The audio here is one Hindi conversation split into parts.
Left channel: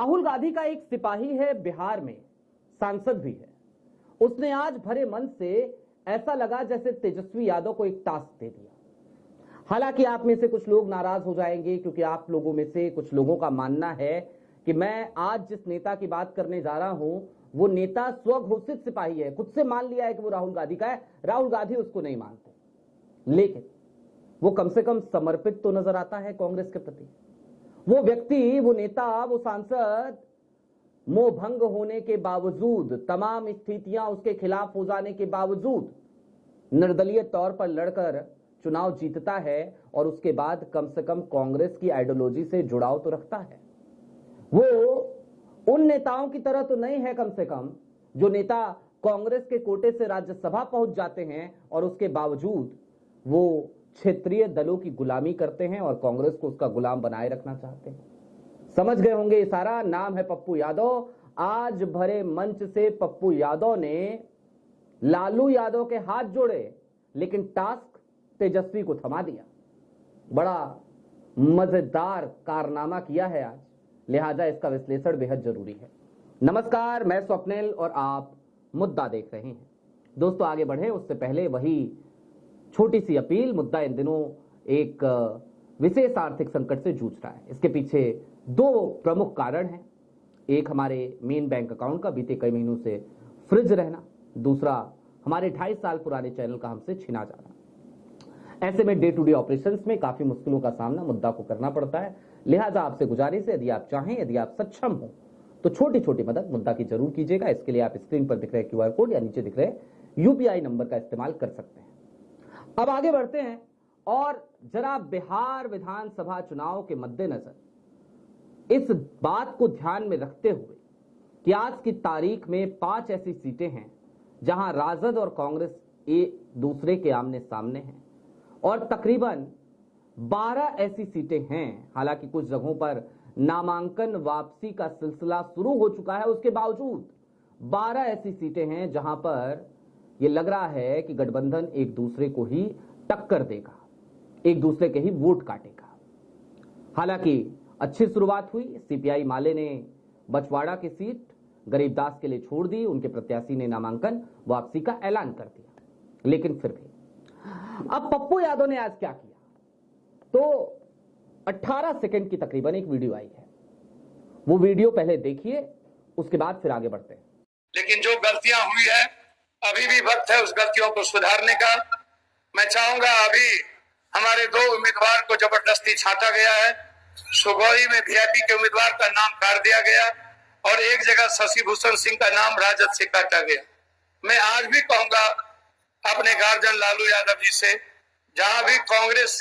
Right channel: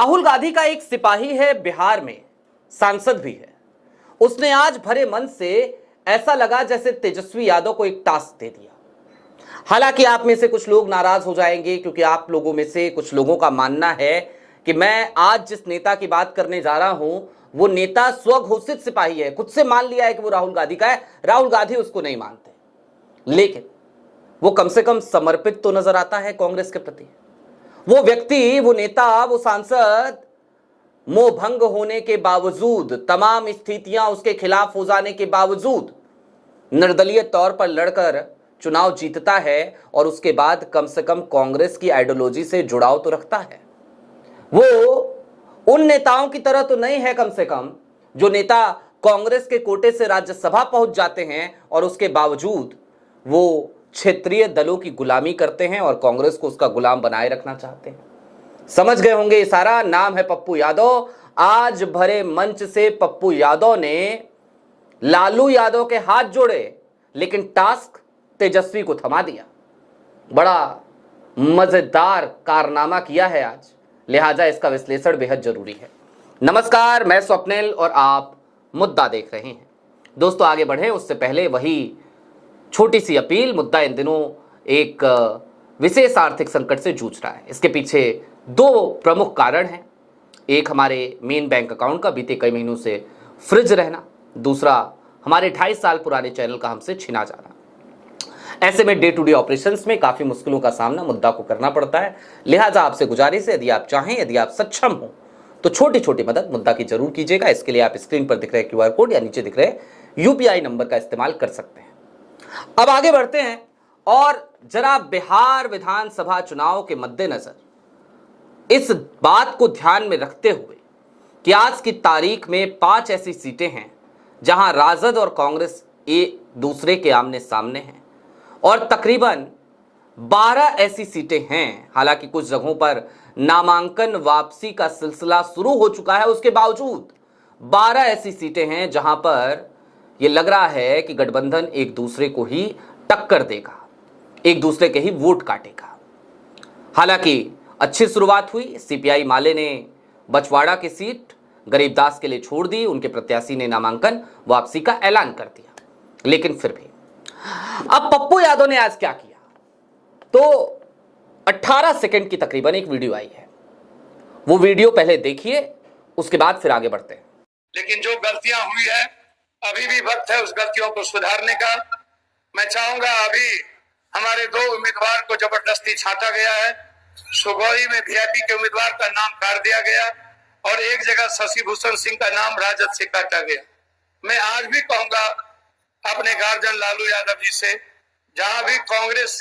राहुल गांधी का एक सिपाही है बिहार में, सांसद भी है। उसने आज भरे मन से ऐसा लगा जैसे तेजस्वी यादव को एक टास्क दे दिया। हालांकि आप में से कुछ लोग नाराज हो जाएंगे क्योंकि आप लोगों में से कुछ लोगों का मानना है कि मैं आज जिस नेता की बात करने जा रहा हूं वो नेता स्वघोषित सिपाही है, खुद से मान लिया है कि वो राहुल गांधी का है। राहुल गांधी उसको नहीं मानते, लेकिन वो कम से कम समर्पित तो नजर आता है कांग्रेस के प्रति। वो व्यक्ति, वो नेता, वो सांसद मोह भंग होने के बावजूद, तमाम स्थितियां उसके खिलाफ हो जाने के बावजूद निर्दलीय तौर पर लड़कर चुनाव जीतता है और उसके बाद कम से कम कांग्रेस की आइडियोलॉजी से जुड़ाव तो रखता है। वो उन नेताओं की तरह तो नहीं है कम से कम जो नेता कांग्रेस के कोटे से राज्यसभा पहुंच जाते हैं और उसके बावजूद वो क्षेत्रीय दलों की गुलामी करते हैं और कांग्रेस को उसका गुलाम बनाए रखना चाहते हैं। समझ गए होंगे इशारा, नाम है पप्पू यादव। आज भरे मंच से पप्पू यादव ने लालू यादव के हाथ जोड़े, लेकिन टास्क तेजस्वी को थमा दिया। बड़ा मजेदार कारनामा किया है आज, लिहाजा इसका विश्लेषण बेहद जरूरी है। नमस्कार, मैं स्वप्निल और आप मुद्दा देख रहे हैं। दोस्तों, आगे बढ़े उससे पहले वही छोटी सी अपील। मुद्दा इन दिनों एक विशेष आर्थिक संकट से जूझ रहा है। इसके पीछे दो प्रमुख कारण हैं। एक, हमारे मेन बैंक अकाउंट का बीते कई महीनों से फ्रिज रहना। दूसरा, हमारे 28 साल पुराने चैनल का हमसे छिना जाना। ऐसे में डे टू डे ऑपरेशंस में काफी मुश्किलों का सामना मुद्दा को करना पड़ता है। लिहाजा आपसे गुजारिश है, यदि आप चाहें, यदि आप सक्षम हो तो छोटी छोटी मदद मुद्दा की जरूर कीजिएगा। इसके लिए आप स्क्रीन पर दिख रहे QR कोड या नीचे दिख रहे UPI नंबर का इस्तेमाल कर सकते हैं। अब आगे बढ़ते हैं और जरा बिहार विधानसभा चुनाव के मद्देनजर इस बात को ध्यान में रखते हुए कि आज की तारीख में 5 ऐसी सीटें हैं जहां राजद और कांग्रेस एक दूसरे के आमने सामने हैं और तकरीबन 12 ऐसी सीटें हैं। हालांकि कुछ जगहों पर नामांकन वापसी का सिलसिला शुरू हो चुका है, उसके बावजूद 12 ऐसी सीटें हैं जहां पर यह लग रहा है कि गठबंधन एक दूसरे को ही टक्कर देगा, एक दूसरे के ही वोट काटेगा। हालांकि अच्छी शुरुआत हुई। CPI माले ने बछवाड़ा की सीट गरीबदास के लिए छोड़ दी, उनके प्रत्याशी ने नामांकन वापसी का ऐलान कर दिया। लेकिन फिर भी अब पप्पू यादव ने आज क्या किया, तो 18 सेकंड की तकरीबन एक वीडियो आई है। वो वीडियो पहले देखिए, उसके बाद फिर आगे बढ़ते हैं। लेकिन जो गलतियां हुई है, अभी भी वक्त है उस गलतियों को सुधारने का। मैं चाहूंगा, अभी हमारे 2 उम्मीदवार को जबरदस्ती छांटा गया है। सुगौली में VIP के उम्मीदवार का नाम काट दिया गया और एक जगह शशि भूषण सिंह का नाम राजद से काटा गया। मैं आज भी कहूंगा अपने गार्जियन लालू यादव जी से, जहां भी कांग्रेस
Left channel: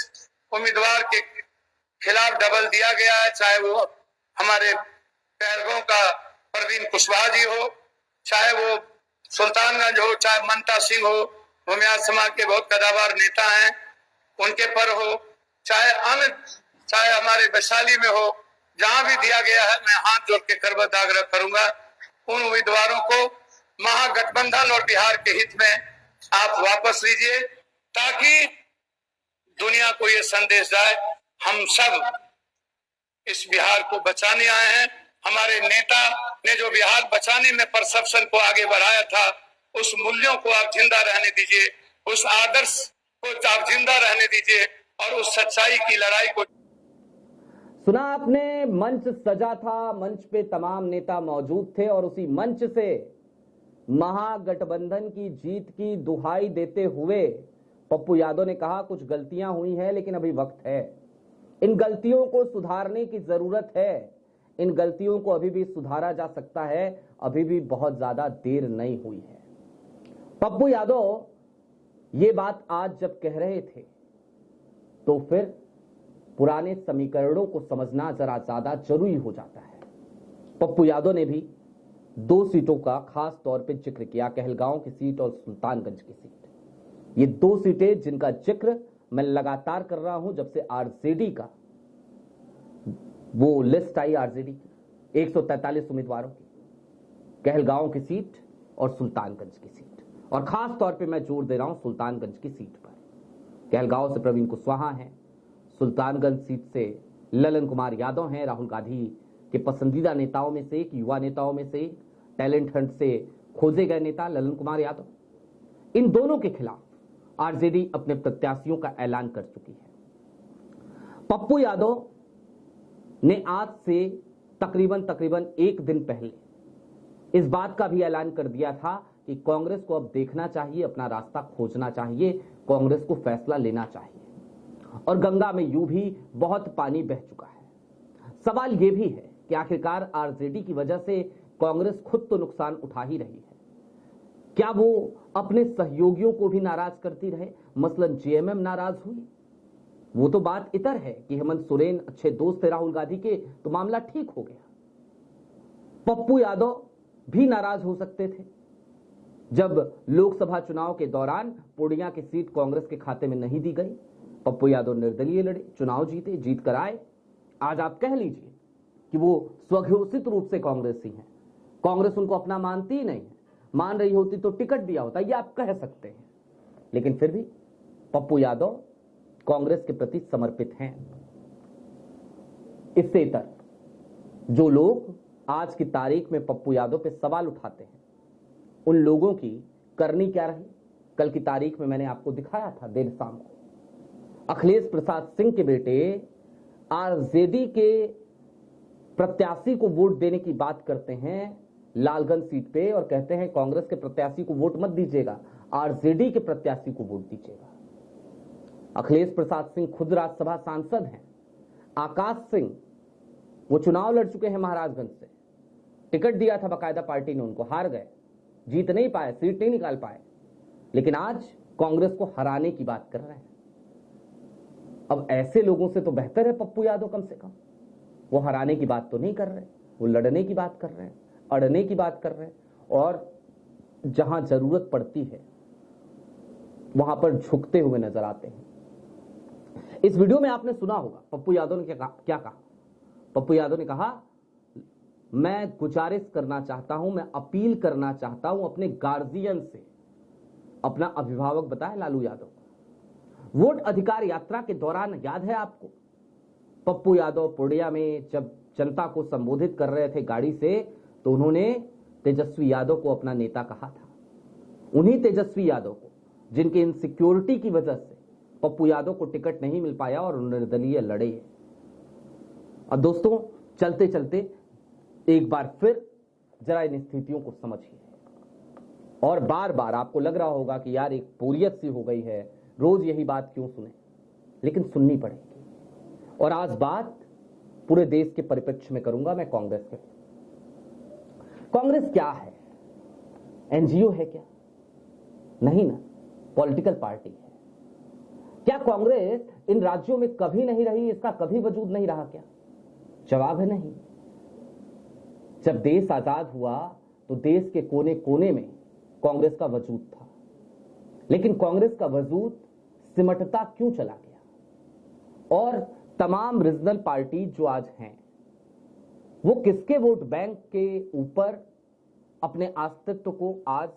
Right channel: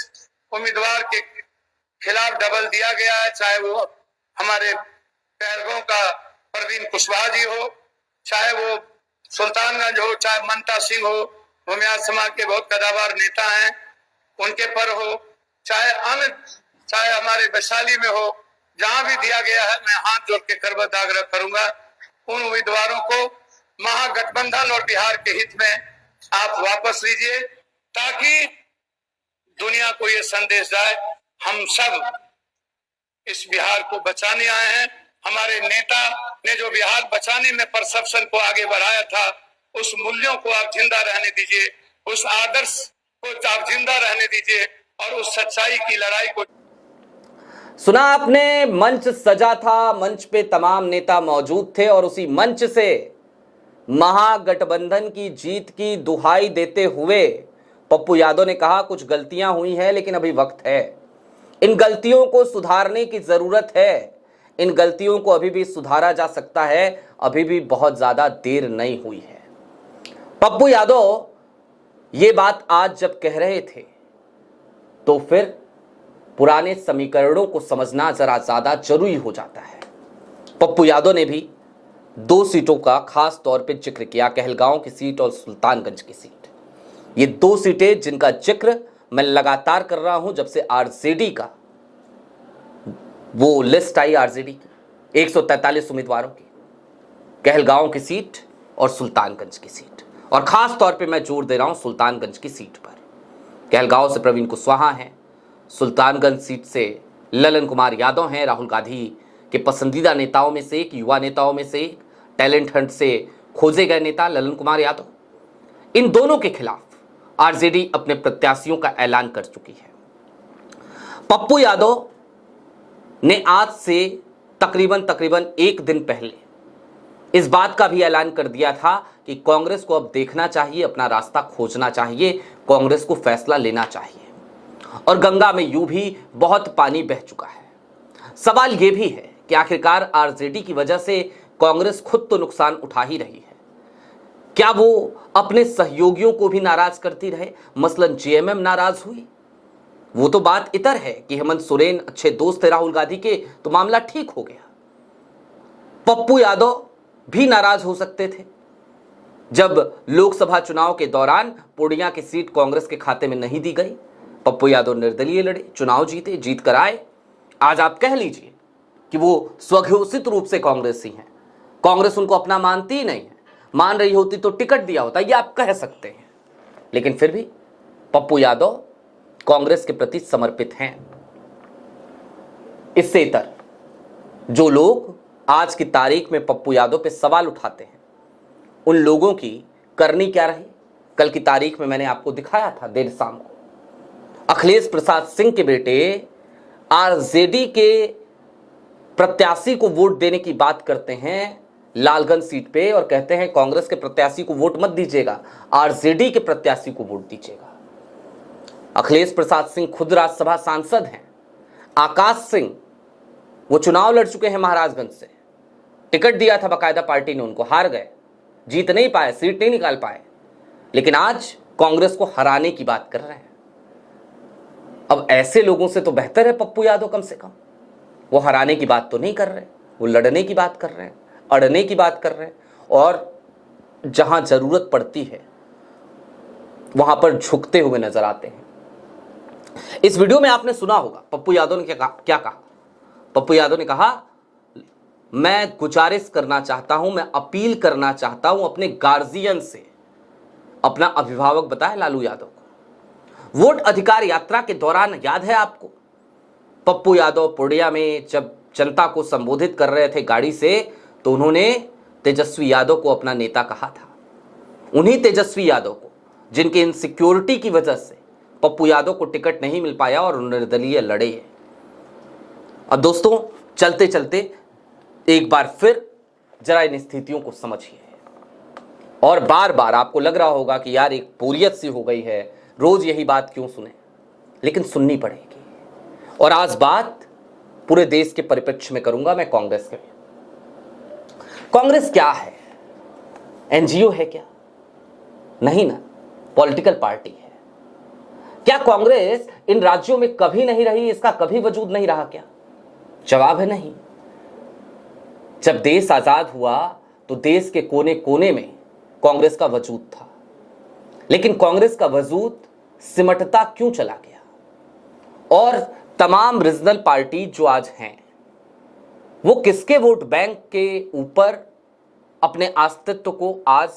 उम्मीदवार के खिलाफ डबल दिया गया है, चाहे वो हमारे पहलगांव का परवीन कुशवाहा जी हो, चाहे वो सुल्तानगंज हो, चाहे मनता सिंह हो, भूमियार समाज के बहुत कदावर नेता हैं, उनके पर हो, चाहे हमारे वैशाली में हो, जहां भी दिया गया है, मैं हाथ जोड़ के करबद्ध आग्रह करूंगा उन उम्मीदवारों को महागठबंधन और बिहार के हित में आप वापस लीजिए, ताकि दुनिया को ये संदेश जाए हम सब इस बिहार को बचाने आए हैं। हमारे नेता ने जो बिहार बचाने में परसेप्शन को आगे बढ़ाया था, उस मूल्यों को आप जिंदा रहने दीजिए, उस आदर्श को आप जिंदा रहने दीजिए और उस सच्चाई की लड़ाई को। सुना आपने, मंच सजा था, मंच पे तमाम नेता मौजूद थे और उसी मंच से महागठबंधन की जीत की दुहाई देते हुए पप्पू यादव ने कहा कुछ गलतियां हुई हैं लेकिन अभी वक्त है, इन गलतियों को सुधारने की जरूरत है, इन गलतियों को अभी भी सुधारा जा सकता है, अभी भी बहुत ज्यादा देर नहीं हुई है। पप्पू यादव ये बात आज जब कह रहे थे तो फिर पुराने समीकरणों को समझना जरा ज्यादा जरूरी हो जाता है। पप्पू यादव ने भी 2 सीटों का खास तौर पे जिक्र किया, कहलगांव की सीट और सुल्तानगंज की सीट। ये 2 सीटें जिनका जिक्र मैं लगातार कर रहा हूं जब से RJD का वो लिस्ट आई, RJD की 143 उम्मीदवारों की, कहलगांव की सीट और सुल्तानगंज की सीट। और खास तौर पे मैं जोर दे रहा हूं सुल्तानगंज की सीट पर। कहलगांव से प्रवीण कुशवाहा हैं, सुल्तानगंज सीट से ललन कुमार यादव हैं, राहुल गांधी कि पसंदीदा नेताओं में से एक, युवा नेताओं में से एक, टैलेंट हंट से खोजे गए नेता ललन कुमार यादव, इन दोनों के खिलाफ आरजेडी अपने प्रत्याशियों का ऐलान कर चुकी है। पप्पू यादव ने आज से तकरीबन एक दिन पहले इस बात का भी ऐलान कर दिया था कि कांग्रेस को अब देखना चाहिए, अपना रास्ता खोजना चाहिए, कांग्रेस को फैसला लेना चाहिए। और गंगा में यूं भी बहुत पानी बह चुका है। सवाल यह भी है कि आखिरकार आरजेडी की वजह से कांग्रेस खुद तो नुकसान उठा ही रही है, क्या वो अपने सहयोगियों को भी नाराज करती रहे? मसलन जेएमएम नाराज हुई, वो तो बात इतर है कि हेमंत सोरेन अच्छे दोस्त थे राहुल गांधी के, तो मामला ठीक हो गया। पप्पू यादव भी नाराज हो सकते थे जब लोकसभा चुनाव के दौरान पूर्णिया की सीट कांग्रेस के खाते में नहीं दी गई। पप्पू यादव निर्दलीय लड़े, चुनाव जीते, जीत कर आए। आज आप कह लीजिए कि वो स्वघोषित रूप से कांग्रेसी हैं, कांग्रेस उनको अपना मानती ही नहीं है, मान रही होती तो टिकट दिया होता, ये आप कह सकते हैं। लेकिन फिर भी पप्पू यादव कांग्रेस के प्रति समर्पित हैं। इससे इतर जो लोग आज की तारीख में पप्पू यादव पे सवाल उठाते हैं, उन लोगों की करनी क्या रही? कल की तारीख में मैंने आपको दिखाया था देर शाम को, अखिलेश प्रसाद सिंह के बेटे आरजेडी के प्रत्याशी को वोट देने की बात करते हैं लालगंज सीट पे, और कहते हैं कांग्रेस के प्रत्याशी को वोट मत दीजिएगा, आरजेडी के प्रत्याशी को वोट दीजिएगा। अखिलेश प्रसाद सिंह खुद राज्यसभा सांसद हैं। आकाश सिंह वो चुनाव लड़ चुके हैं महाराजगंज से, टिकट दिया था बकायदा पार्टी ने उनको, हार गए, जीत नहीं पाए, सीट नहीं निकाल पाए, लेकिन आज कांग्रेस को हराने की बात कर रहे हैं। अब ऐसे लोगों से तो बेहतर है पप्पू यादव, कम से कम वो हराने की बात तो नहीं कर रहे, वो लड़ने की बात कर रहे हैं, अड़ने की बात कर रहे हैं, और जहां जरूरत पड़ती है वहां पर झुकते हुए नजर आते हैं। इस वीडियो में आपने सुना होगा पप्पू यादव ने क्या कहा। पप्पू यादव ने कहा, मैं गुजारिश करना चाहता हूं, मैं अपील करना चाहता हूं अपने गार्जियन से, अपना अभिभावक बताया लालू यादव को। वोट अधिकार यात्रा के दौरान याद है आपको, पप्पू यादव पूर्णिया में जब जनता को संबोधित कर रहे थे गाड़ी से, तो उन्होंने तेजस्वी यादव को अपना नेता कहा था। उन्हीं तेजस्वी यादव को जिनके इनसिक्योरिटी की वजह से पप्पू यादव को टिकट नहीं मिल पाया और निर्दलीय लड़े। अब दोस्तों चलते चलते एक बार फिर जरा इन स्थितियों को समझिए, और बार बार आपको लग रहा होगा कि यार एक बोरियत सी हो गई है, रोज यही बात क्यों सुने, लेकिन सुननी पड़ेगी। और आज बात पूरे देश के परिप्रेक्ष्य में करूंगा मैं कांग्रेस के। कांग्रेस क्या है? एनजीओ है क्या? नहीं ना, पॉलिटिकल पार्टी है। क्या कांग्रेस इन राज्यों में कभी नहीं रही, इसका कभी वजूद नहीं रहा क्या? जवाब है नहीं। जब देश आजाद हुआ तो देश के कोने कोने में कांग्रेस का वजूद था, लेकिन कांग्रेस का वजूद सिमटता क्यों चला गया? और तमाम रीजनल पार्टी जो आज हैं, वो किसके वोट बैंक के ऊपर अपने अस्तित्व को आज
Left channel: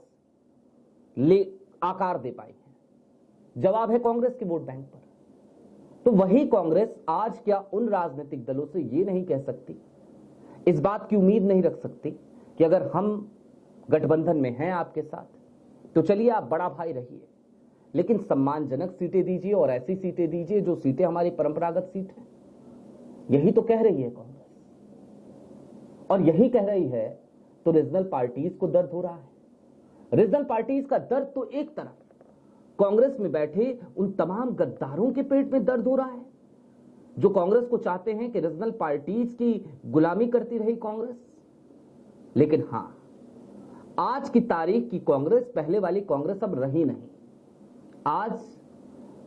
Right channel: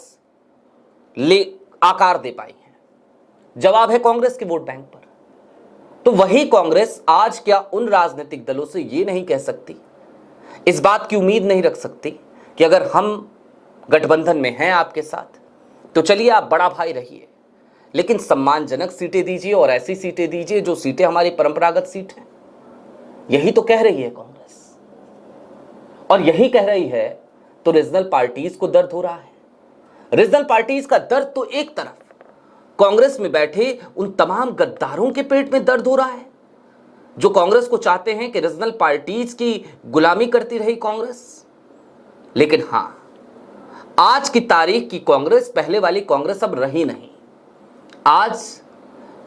ले आकार दे पाई है? जवाब है कांग्रेस के वोट बैंक पर। तो वही कांग्रेस आज क्या उन राजनीतिक दलों से ये नहीं कह सकती, इस बात की उम्मीद नहीं रख सकती कि अगर हम गठबंधन में हैं आपके साथ तो चलिए आप बड़ा भाई रहिए, लेकिन सम्मानजनक सीटें दीजिए और ऐसी सीटें दीजिए जो सीटें हमारी परंपरागत सीट हैं। यही तो कह रही है कांग्रेस, और यही कह रही है तो रीजनल पार्टीज को दर्द हो रहा है। रीजनल पार्टीज का दर्द तो एक तरफ, कांग्रेस में बैठे उन तमाम गद्दारों के पेट में दर्द हो रहा है जो कांग्रेस को चाहते हैं कि रीजनल पार्टीज की गुलामी करती रही कांग्रेस। लेकिन हां, आज की तारीख की कांग्रेस पहले वाली कांग्रेस अब रही नहीं। आज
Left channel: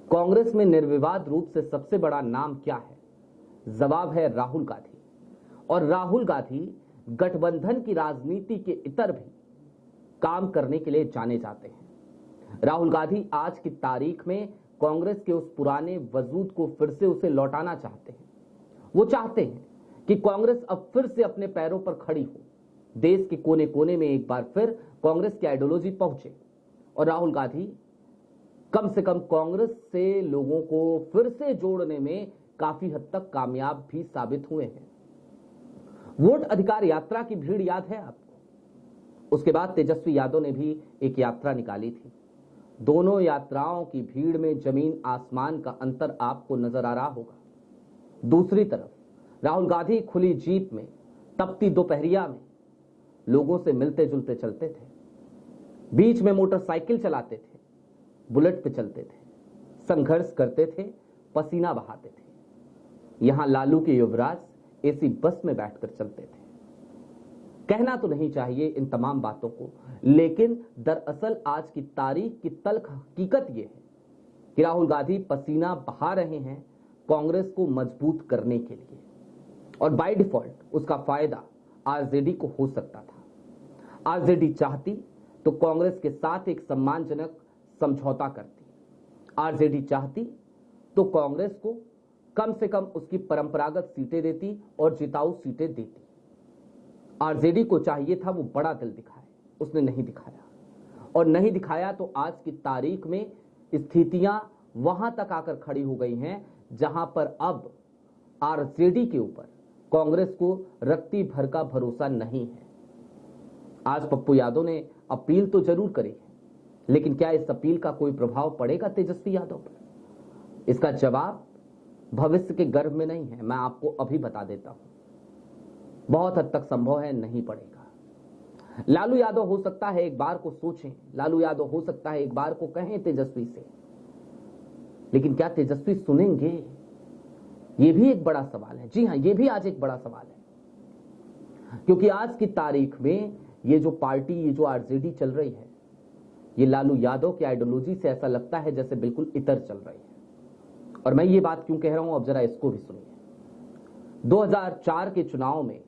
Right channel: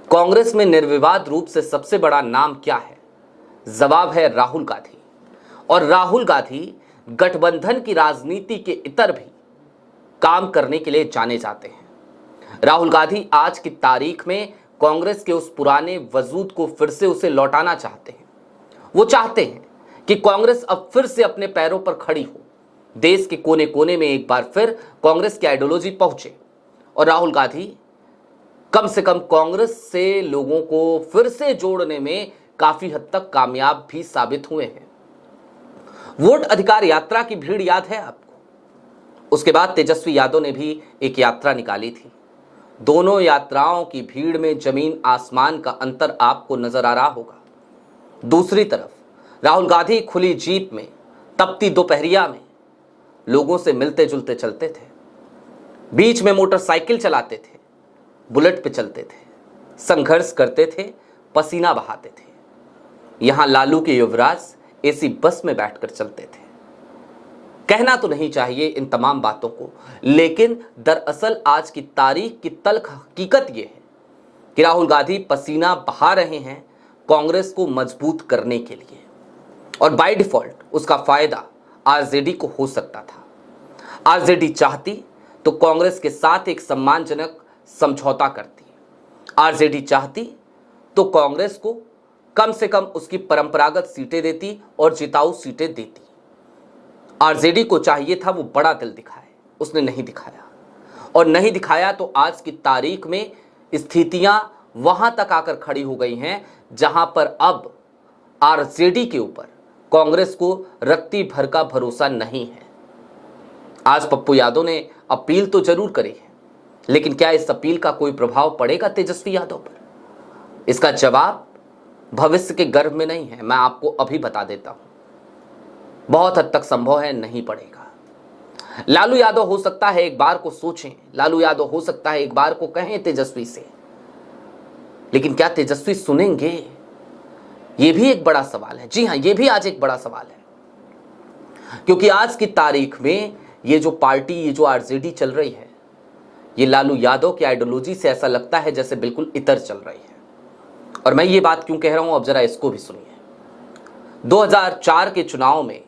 कांग्रेस में निर्विवाद रूप से सबसे बड़ा नाम क्या है? जवाब है राहुल गांधी। और राहुल गांधी गठबंधन की राजनीति के इतर भी काम करने के लिए जाने जाते हैं। राहुल गांधी आज की तारीख में कांग्रेस के उस पुराने वजूद को फिर से उसे लौटाना चाहते हैं। वो चाहते हैं कि कांग्रेस अब फिर से अपने पैरों पर खड़ी हो, देश के कोने कोने में एक बार फिर कांग्रेस की आइडियोलॉजी पहुंचे। और राहुल गांधी कम से कम कांग्रेस से लोगों को फिर से जोड़ने में काफी हद तक कामयाब भी साबित हुए हैं। वोट अधिकार यात्रा की भीड़ याद है आपको? उसके बाद तेजस्वी यादव ने भी एक यात्रा निकाली थी। दोनों यात्राओं की भीड़ में जमीन आसमान का अंतर आपको नजर आ रहा होगा। दूसरी तरफ राहुल गांधी खुली जीप में तपती दोपहरिया में लोगों से मिलते जुलते चलते थे, बीच में मोटरसाइकिल चलाते थे, बुलेट पे चलते थे, संघर्ष करते थे, पसीना बहाते थे। यहां लालू के युवराज एसी बस में बैठकर चलते थे। कहना तो नहीं चाहिए इन तमाम बातों को, लेकिन दरअसल आज की तारीख की तल्ख हकीकत यह है कि राहुल गांधी पसीना बहा रहे हैं कांग्रेस को मजबूत करने के लिए, और बाय डिफॉल्ट उसका फायदा आरजेडी को हो सकता था। आरजेडी चाहती तो कांग्रेस के साथ एक सम्मानजनक समझौता करती। आरजेडी चाहती तो कांग्रेस को कम से कम उसकी परंपरागत सीटें देती और जिताऊ सीटें देती। आरजेडी को चाहिए था वो बड़ा दिल दिखाए, उसने नहीं दिखाया, और नहीं दिखाया तो आज की तारीख में स्थितियां वहां तक आकर खड़ी हो गई हैं जहां पर अब आरजेडी के ऊपर कांग्रेस को रत्ती भर का भरोसा नहीं है। आज पप्पू यादव ने अपील तो जरूर करी है, लेकिन क्या इस अपील का कोई प्रभाव पड़ेगा तेजस्वी यादव पर? इसका जवाब भविष्य के गर्भ में नहीं है, मैं आपको अभी बता देता हूं। बहुत हद तक संभव है नहीं पड़ेगा। लालू यादव हो सकता है एक बार को सोचें, लालू यादव हो सकता है एक बार को कहें तेजस्वी से, लेकिन क्या तेजस्वी सुनेंगे? यह भी एक बड़ा सवाल है। जी हां, यह भी आज एक बड़ा सवाल है, क्योंकि आज की तारीख में ये जो पार्टी, ये जो आरजेडी चल रही है, ये लालू यादव की आइडियोलॉजी से ऐसा लगता है जैसे बिल्कुल इतर चल रही है। और मैं ये बात क्यों कह रहा हूं, अब जरा इसको भी सुनिए। 2004 के चुनाव में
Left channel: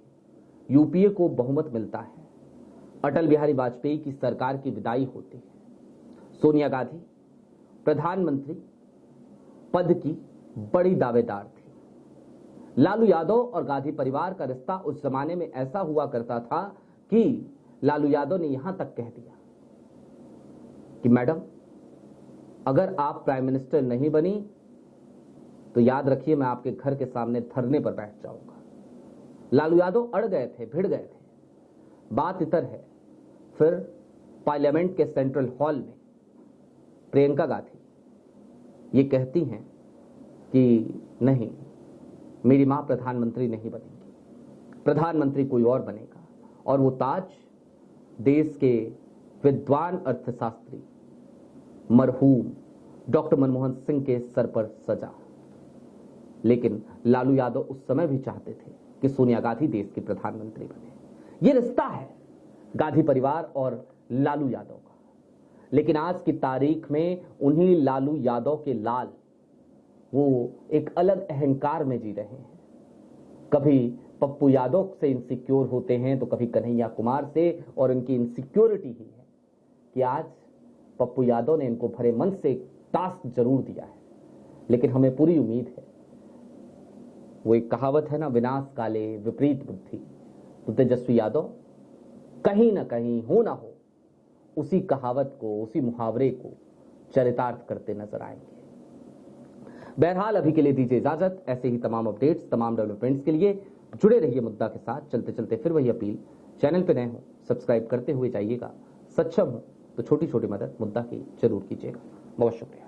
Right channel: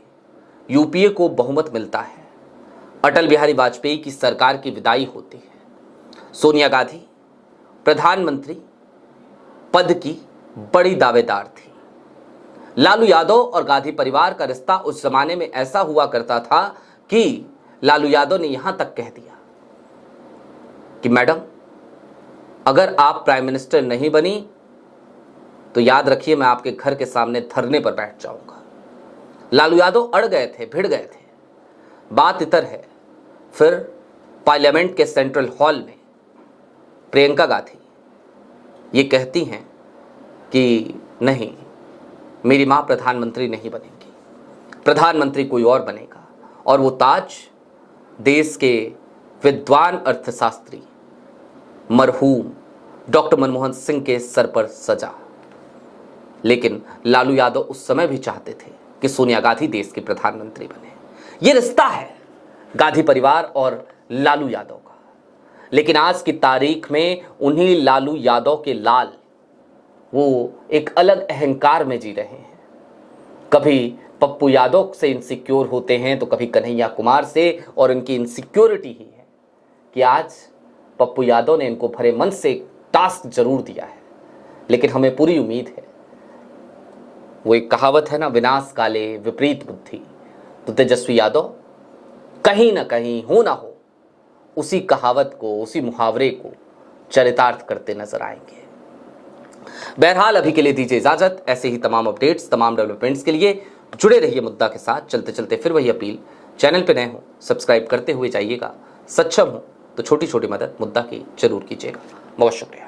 यूपीए को बहुमत मिलता है, अटल बिहारी वाजपेयी की सरकार की विदाई होती है, सोनिया गांधी प्रधानमंत्री पद की बड़ी दावेदार थी। लालू यादव और गांधी परिवार का रिश्ता उस जमाने में ऐसा हुआ करता था कि लालू यादव ने यहां तक कह दिया कि मैडम, अगर आप प्राइम मिनिस्टर नहीं बनी तो याद रखिए मैं आपके घर के सामने धरने पर बैठ जाऊंगा। लालू यादव अड़ गए थे, भिड़ गए थे। बात इतर है, फिर पार्लियामेंट के सेंट्रल हॉल में प्रियंका गांधी ये कहती हैं कि नहीं, मेरी मां प्रधानमंत्री नहीं बनेंगी, प्रधानमंत्री कोई और बनेगा, और वो ताज देश के विद्वान अर्थशास्त्री मरहूम डॉक्टर मनमोहन सिंह के सर पर सजा। लेकिन लालू यादव उस समय भी चाहते थे कि सोनिया गांधी देश की प्रधानमंत्री बने। ये रिश्ता है गांधी परिवार और लालू यादव का। लेकिन आज की तारीख में उन्हीं लालू यादव के लाल वो एक अलग अहंकार में जी रहे हैं। कभी पप्पू यादव से इनसिक्योर होते हैं तो कभी कन्हैया कुमार से, और इनकी इनसिक्योरिटी ही है कि आज पप्पू यादव ने इनको भरे मन से एक टास्क जरूर दिया है। लेकिन हमें पूरी उम्मीद है, वो एक कहावत है ना, विनाश काले विपरीत बुद्धि, तो तेजस्वी यादव कहीं ना कहीं हो ना हो उसी कहावत को, उसी मुहावरे को चरितार्थ करते नजर आएंगे। बहरहाल अभी के लिए दीजिए इजाजत। ऐसे ही तमाम अपडेट्स, तमाम डेवलपमेंट्स के लिए जुड़े रहिए मुद्दा के साथ। चलते चलते फिर वही अपील, चैनल पे नए हो सब्सक्राइब करते हुए जाइएगा, सक्षम हो तो छोटी छोटी मदद मुद्दा की जरूर कीजिएगा। बहुत शुक्रिया।